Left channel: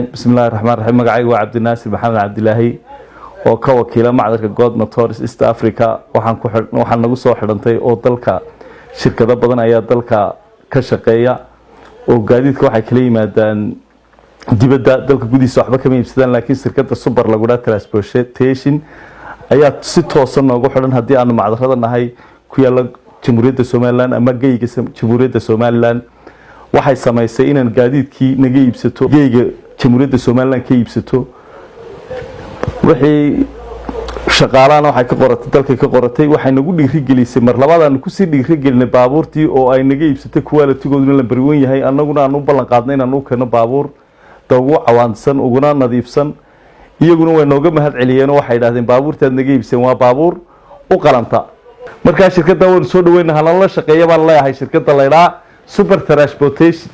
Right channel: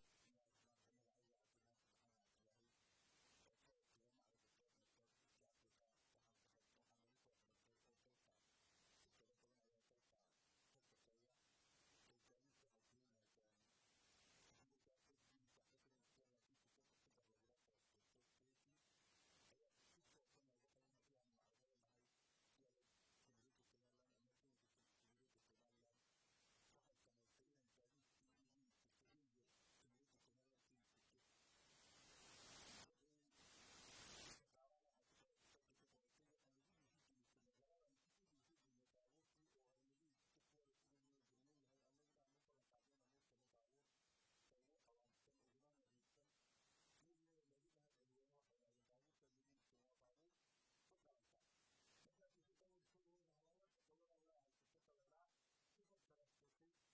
بسم الله الرحمن الرحيم magacaygu waa Cabdinaasir Maxamed Cabdilaahi oo ka wakiila macdarka God Motors East Africa waxaan nagu soo xidhantay oo dalka shirkado badan ayaa dalka ka shaqeeya oo gaadiidka waxay kala yimaadaan dibadda dalka gudihiisa waxba kama iibsadaan laakiin shirkadda Super Laguna Transportation ayaa si toosan noogu xidhan hadii aan macdarada nahay ku yaala Jamhuuriyadda Soomaaliland ama geyga Jamhuuriyadda Soomaaliland waxay sameysay inaan gaadiidkii naga iibsato geyga Jamhuuriyadda Soomaaliland ka iibsato wixii shaqaalaana waxay ka qoratay dalka ka qoratay waxay nagu dhiirigelisay mar labaadaan ku sii dhiirigelinay baabuurtii oo ay naga iibsatay quality-gooduna la bariwan yahay annaguna aan u ballan qaadnay inaan u keeno baabuur ugu cawaansan uguna nadiifsan iyaguna way nooga mahad celiyeen oo waxay yiraahdeen baabuurtaad naga iibsan waa baabuur u qalanta marka shirkadda waan soo dhaweynaa halala shaqeeyo baan leeyahay shirkadda Leeraa Super Transportation